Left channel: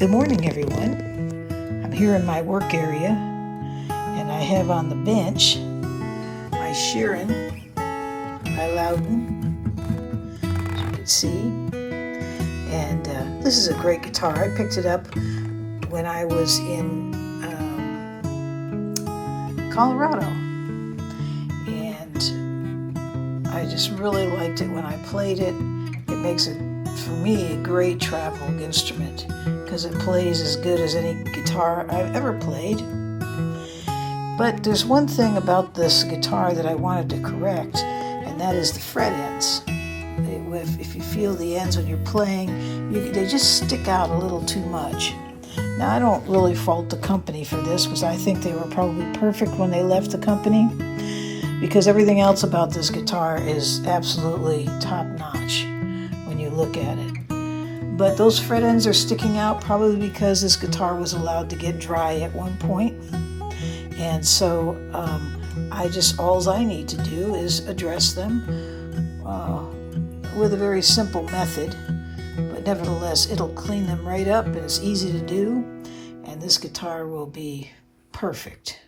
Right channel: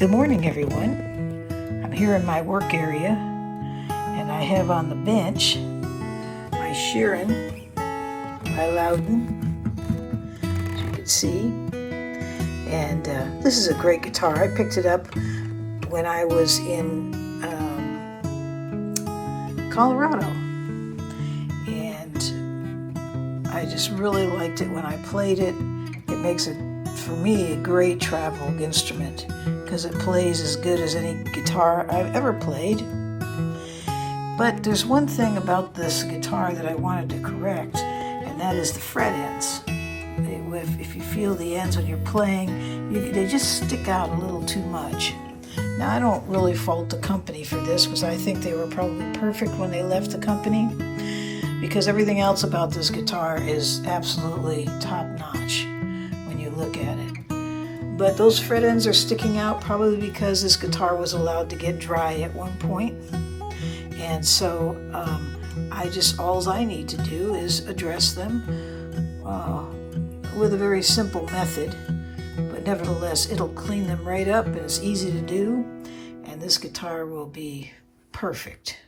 Good morning, everyone. I'm here in my work area, and I have on the bench my Sheeran by Lowden, as you can see. And this is a great guitar. I picked it up when I was in Colorado, and I just really liked it when I played it. It makes it, for me, a great travel instrument because it plays as good as any guitar I've ever played. But there's one thing about this guitar that I wanted to correct, and that is the fret ends. If you feel the ends when you're playing, they just stick out a little too much. Now, I don't really fault the company for this, because I think they were probably perfect when they left the company, because everything else about this guitar is absolutely top-notch when you look at it. But those fret ends are sticking out probably because this guitar was allowed to get dry at one point. And so all I need to do is address them with a very simple method. But nevertheless, it'll clean them right up, and it's easy to do, and this guitar will be perfect.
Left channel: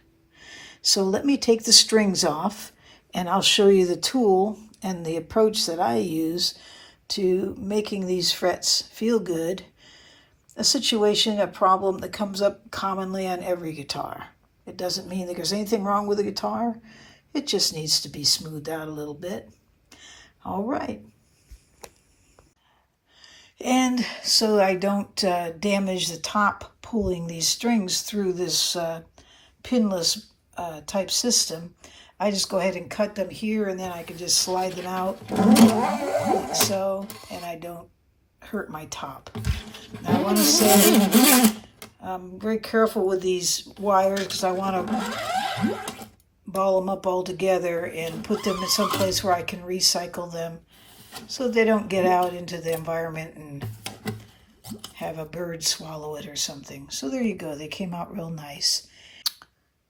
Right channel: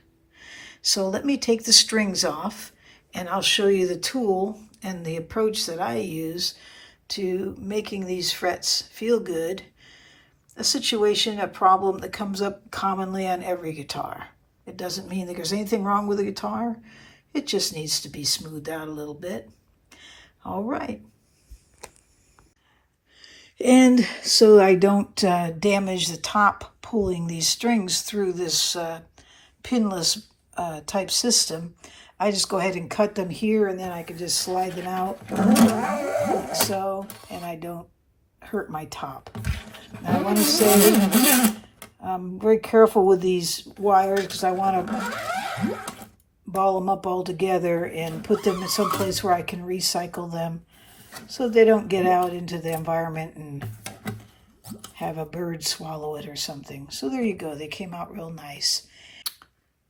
So let me take the strings off, and I'll show you the tool and the approach that I use to making these frets feel good. A problem that comes up commonly on every guitar. It doesn't mean that there's anything wrong with the guitar. It just needs to be smoothed out a little bit. All right. And so I don't damage the top pulling these strings through this pinless type system, I just go ahead and cut them here, and then I can just slide them out like so, and I don't hurt my top. Now, I want to say I'm very careful with these wires because I want to ball them up all together and put them in some place where I can recycle them so they don't get out into the environment and have a bird swallow it or something. So there you go. They came out real nice.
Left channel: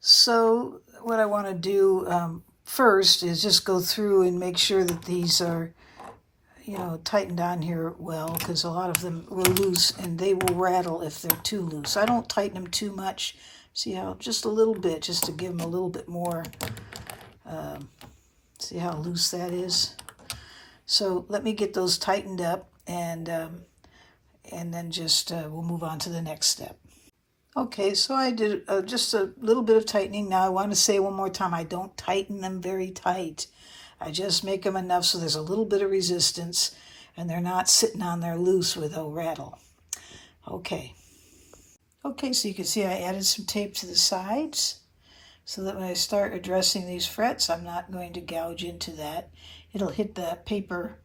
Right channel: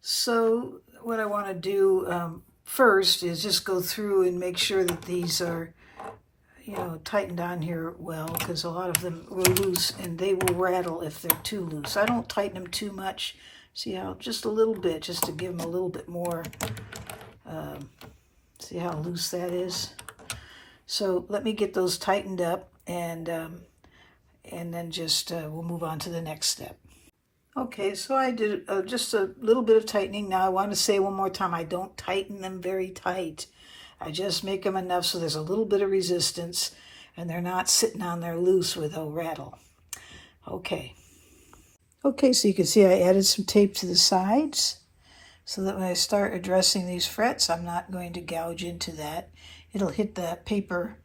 So what I want to do first is just go through and make sure that these are, tightened on here well, because a lot of them were loose and they will rattle if they're too loose. I don't tighten them too much. See how, just a little bit, just to give them a little bit more. See how loose that is? So let me get those tightened up, and then just we'll move on to the next step. Okay, so I did just a little bit of tightening. Now I want to say one more time, I don't tighten them very tight. I just make them enough so there's a little bit of resistance, and they're not sitting on there loose where they'll rattle. Okay, so you can see I added some tape to the sides so that when I start addressing these frets, I'm not going to gouge into that. It'll hit the paper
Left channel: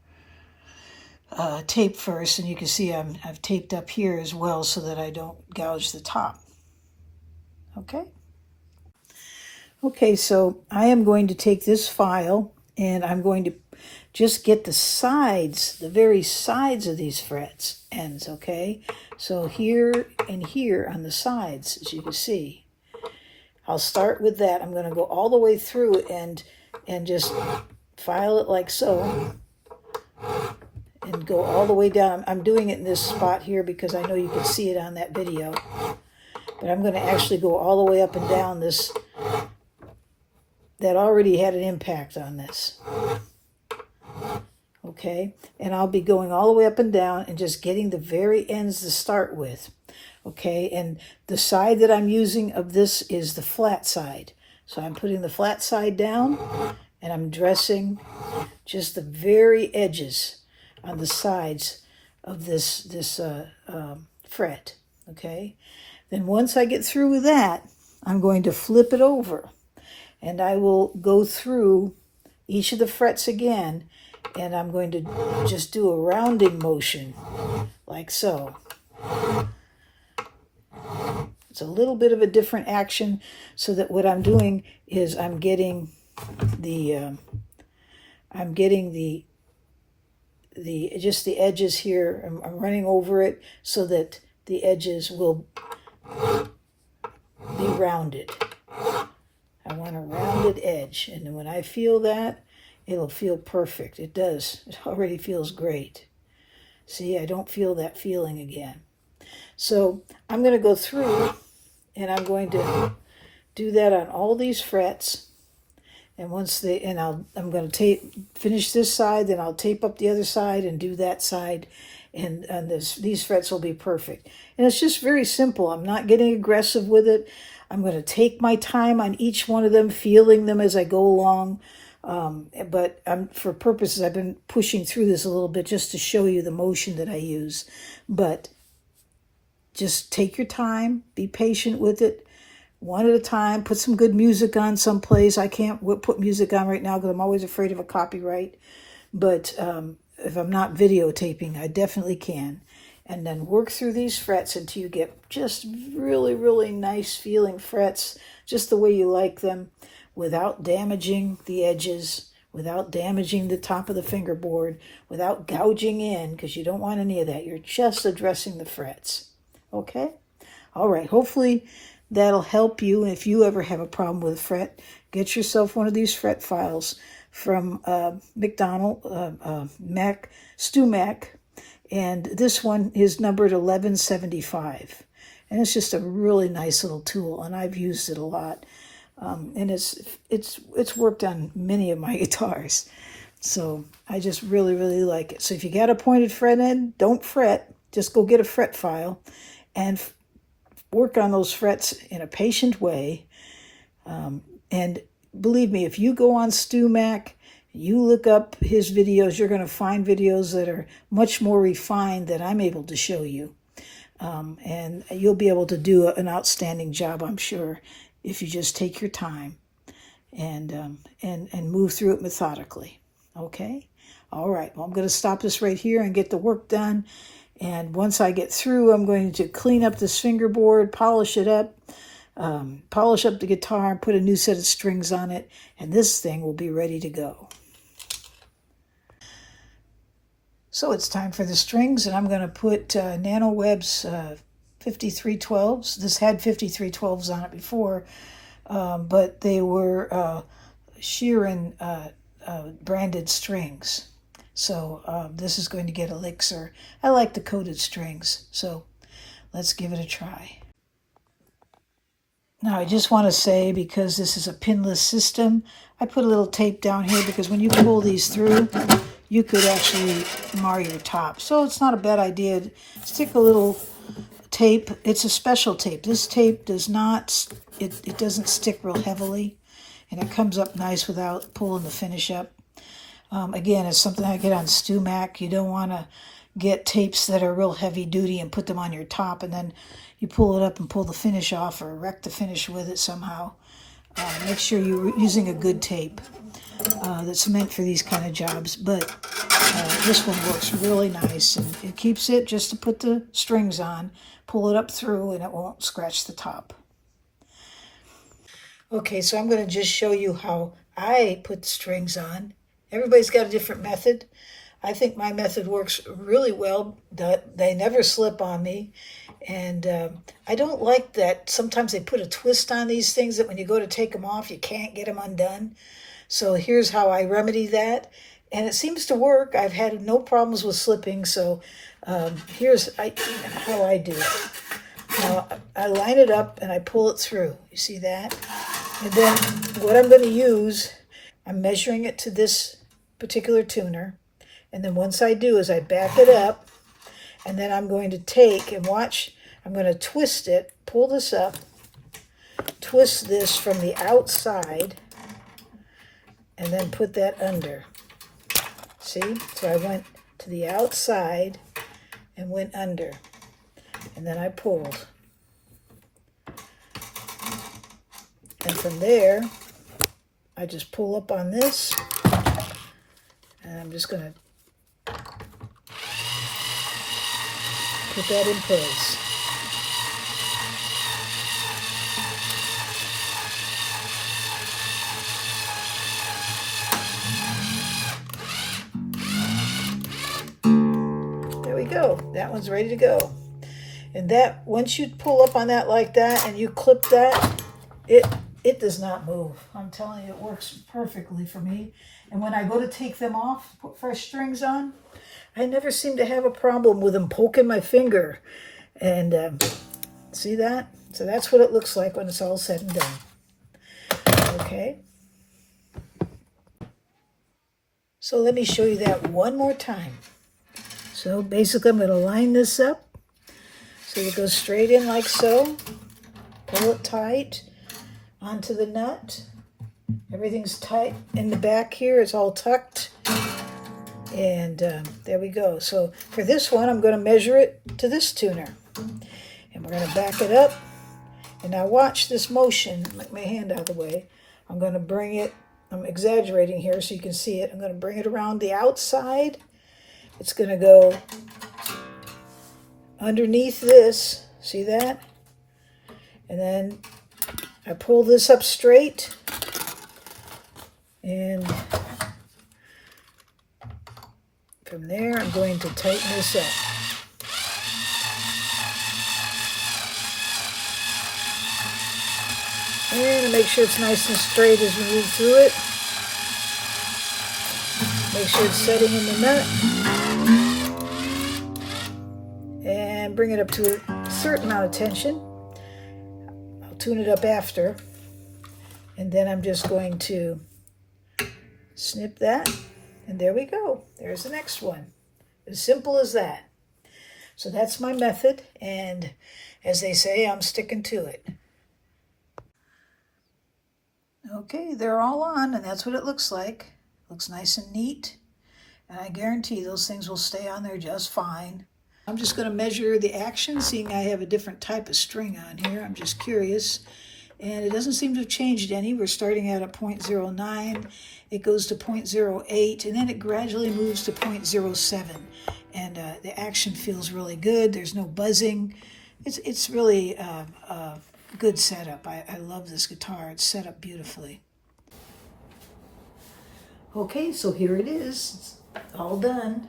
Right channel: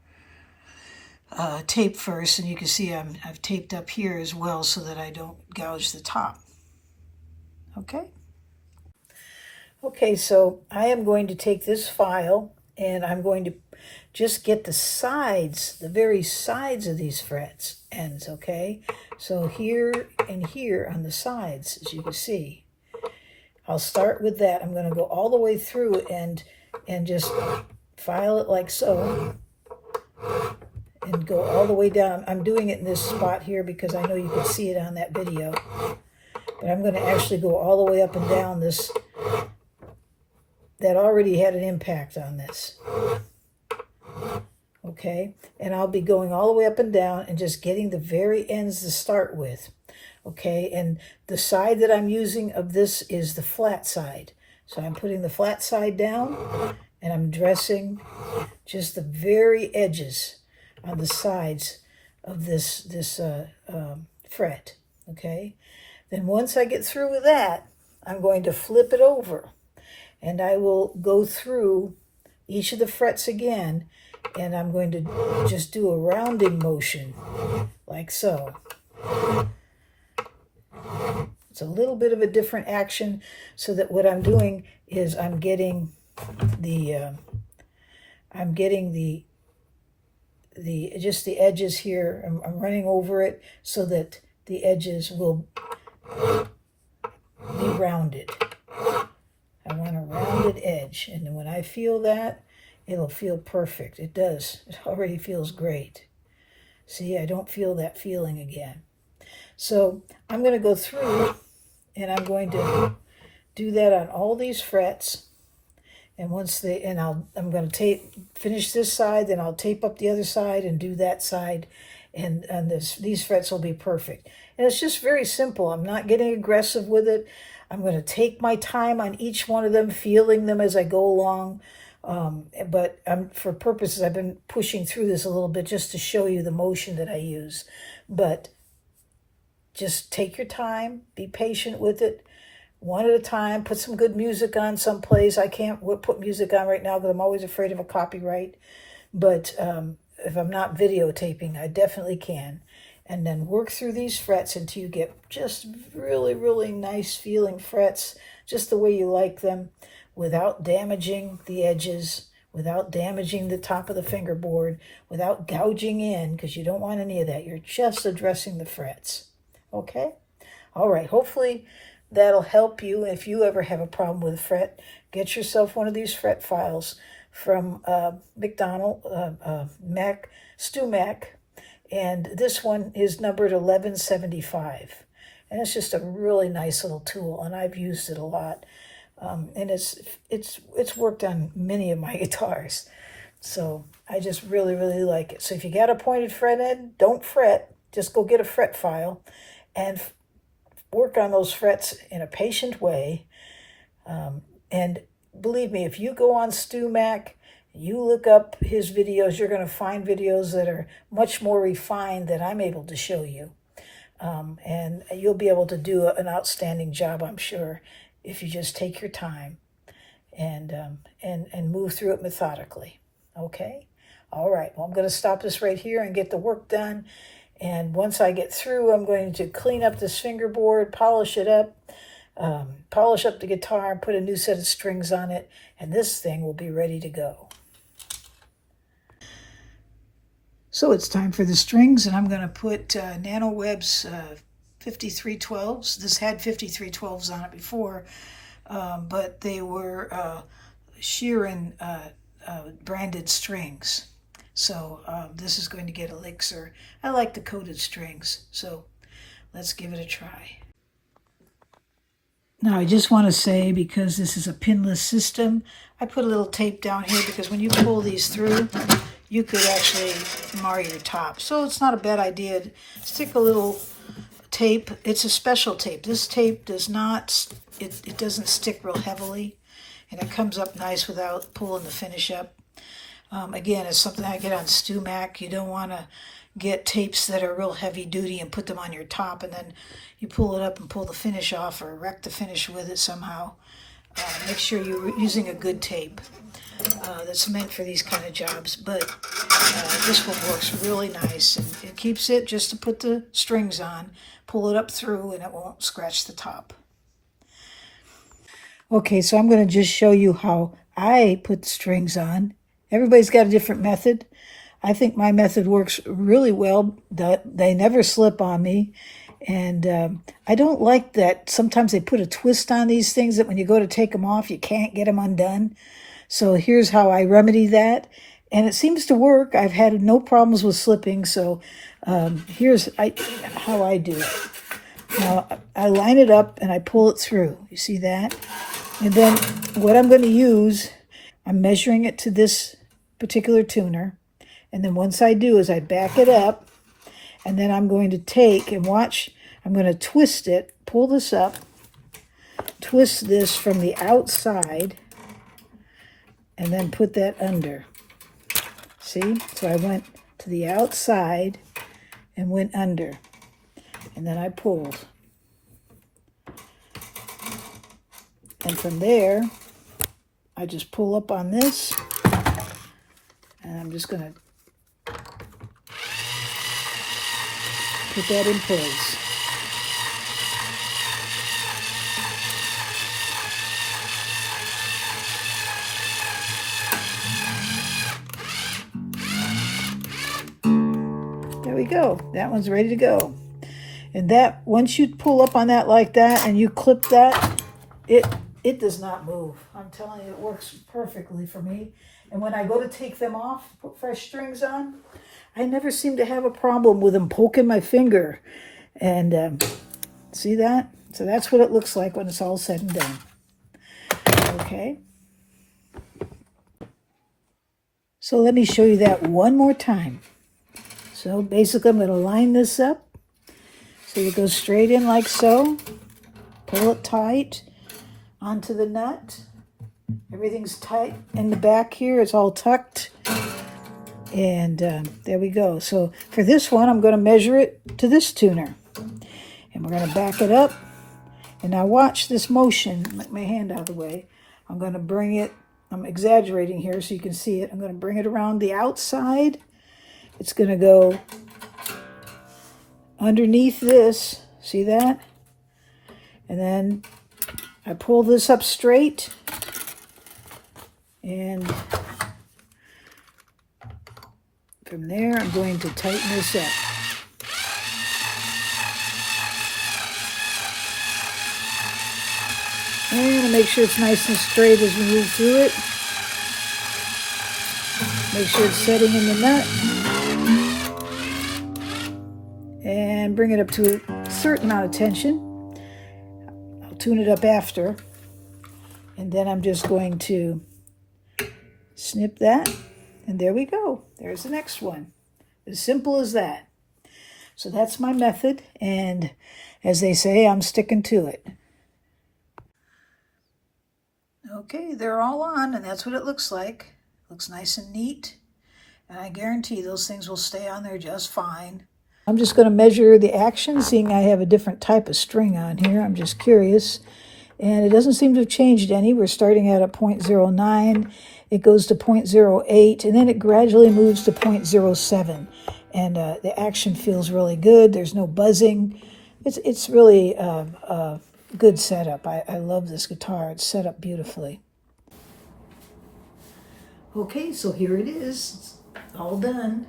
tape first, and you can see I've taped up here as well so that I don't gouge the top. Okay, so I am going to take this file, and I'm going to just get the sides, the very sides of these frets ends, okay? So here and here on the sides, as you can see. I'll start with that. I'm going to go all the way through and just file it like so, and go all the way down. I'm doing it in this spot here because I know you could see it on that video. But I'm going to actually go all the way up and down this. That already had an impact on this. Okay? And I'll be going all the way up and down and just getting the very ends to start with. Okay? And the side that I'm using of this is the flat side. So I'm putting the flat side down, and I'm dressing just the very edges on the sides of this fret, okay? Then once I get through with that, I'm going to flip it over, and I will go through each of the frets again, and I'm going to just do a rounding motion, like so. It's a little bit of a different action, so that what I'm doing is I'm getting the just the edges here. I'm running over it so that the edges will be rounded. I want a rounded edge, and when I feel that, it'll feel perfect. It does. It already feels great. See, I don't feel that feeling again. So I'm going to go through and I'm going to do that on all these frets. And once they, and I'm going to finish this side, then I'll tape up the other side and do that side, and these frets will be perfect. And it's just very simple. I'm not getting aggressive with it. I'm going to take my time on each one of them, feeling them as I go along. But for purposes, I've been pushing through this a little bit just to show you the motion that I use. But just take your time, be patient with it. One at a time, put some good music on someplace. I can't put music on right now because I'm always afraid of a copyright. But if I'm not videotaping, I definitely can. And then work through these frets until you get just really, really nice feeling frets, just the way you like them, without damaging the edges, without damaging the top of the fingerboard, without gouging in, because you don't want any of that. You're just addressing the frets. Okay? All right. Hopefully that'll help you. If you ever have a problem with a fret, get yourself one of these fret files from StewMac, and this one is numbered 1175, and it's just a really nice little tool, and I've used it a lot, and it's worked on many of my guitars, so I just really like it. So if you got a pointed fret in, don't fret. Just go get a fret file and work on those frets in a patient way. And believe me, if you go on StewMac, you look up his videos, you're going to find videos that are much more refined than I'm able to show you. And you'll be able to do an outstanding job, I'm sure, if you just take your time and move through it methodically. Okay? All right. Well, I'm going to stop this right here and get the work done. And once I get through, I'm going to clean up this fingerboard, polish it up, polish up the guitar, put a new set of strings on it, and this thing will be ready to go. So it's time for the strings, and I'm going to put NanoWeb's 5312s. This had 5312s on it before, but they were Sheeran branded strings. So this is going to get Elixir. I like the coated strings, so let's give it a try. Now I just want to say, because this is a pinless system, I put a little tape down here because when you pull these through, you could actually mar your top. So it's not a bad idea to stick a little tape. It's a special tape. This tape does not, it doesn't stick real heavily, and it comes up nice without pulling the finish up. Again, it's something I get on StewMac. You don't want to get tapes that are real heavy duty and put them on your top, and then you pull it up and pull the finish off or wreck the finish with it somehow. Make sure you're using a good tape that's meant for these kind of jobs. But this one works really nice, and it keeps it just to put the strings on, pull it up through, and it won't scratch the top. Okay, so I'm going to just show you how I put the strings on. Everybody's got a different method. I think my method works really well. They never slip on me. And I don't like that sometimes they put a twist on these things that when you go to take them off, you can't get them undone. So here's how I remedy that. And it seems to work. I've had no problems with slipping. So here's how I do it. Now, I line it up and I pull it through. You see that? And then what I'm going to use, I'm measuring it to this particular tuner. And then once I do is I back it up, and then I'm going to take and watch. I'm going to twist it, pull this up, twist this from the outside, and then put that under. See? So I went to the outside and went under. And then I pulled. And from there, I just pull up on this, and I'm just going to put that in place. There we go. That one's ready to go. And that, once you pull up on that like that and you clip that, it does not move. I'm telling you, it works perfectly for me. And when I go to take them off, put fresh strings on, I never seem to have a problem with them poking my finger. And see that? So that's what it looks like when it's all said and done. Okay. So let me show you that one more time. So basically I'm going to line this up. So it goes straight in like so. Pull it tight onto the nut. Everything's tight in the back here. It's all tucked. And there we go. So for this one, I'm going to measure it to this tuner. And we're going to back it up. And now watch this motion. Let my hand out of the way. I'm going to bring it. I'm exaggerating here so you can see it. I'm going to bring it around the outside. It's going to go underneath this. See that? And then I pull this up straight. And from there, I'm going to tighten this up. And make sure it's nice and straight as we move through it. Make sure it's setting in the nut. And bring it up to a certain amount of tension. I'll tune it up after. And then I'm just going to snip that. And there we go. There's the next one. As simple as that. So that's my method. And as they say, I'm sticking to it. Okay, they're all on, and that's what it looks like. Looks nice and neat. And I guarantee those things will stay on there just fine. I'm just going to measure the action, seeing I have a different type of string on here. I'm just curious. And it doesn't seem to have changed any. We're starting at a 0.09. It goes to 0.08, and then it gradually moves to 0.07. And the action feels really good. There's no buzzing. It's really a good setup. I love this guitar. It's set up beautifully. Okay, so here it is. It's all done.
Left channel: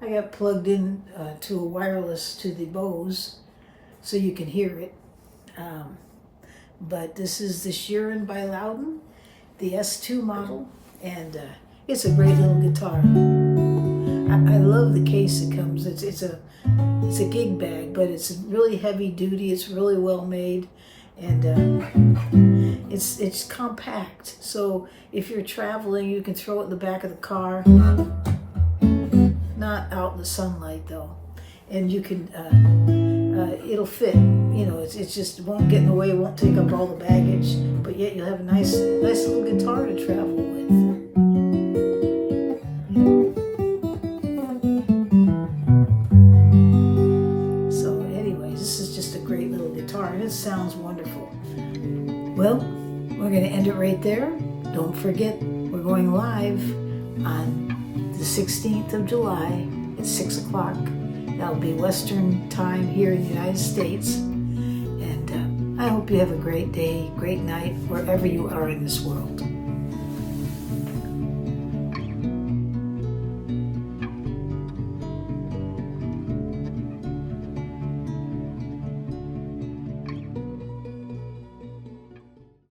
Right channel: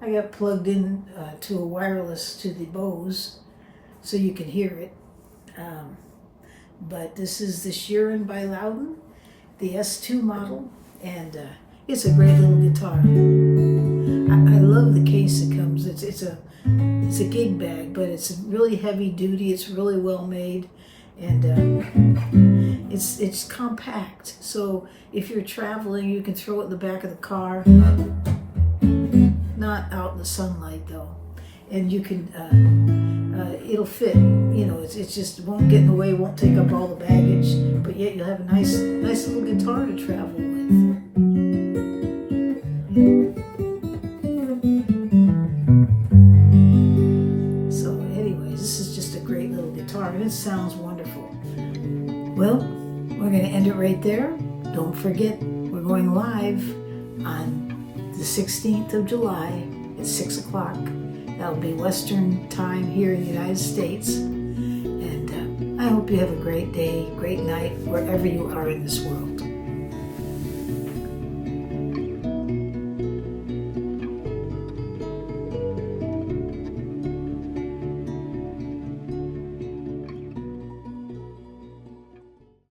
I got plugged in to a wireless to the Bose so you can hear it. But this is the Sheeran by Lowden, the S2 model, and it's a great little guitar. I love the case it comes. It's a gig bag, but it's really heavy duty. It's really well made, and it's compact. So if you're traveling, you can throw it in the back of the car. Not out in the sunlight though, and you can. It'll fit. You know, it just won't get in the way. Won't take up all the baggage, but yet you'll have a nice little guitar to travel with. And it sounds wonderful. Well, we're going to end it right there. Don't forget, we're going live on the 16th of July at 6 o'clock. That'll be Western time here in the United States. And I hope you have a great day, great night, wherever you are in this world.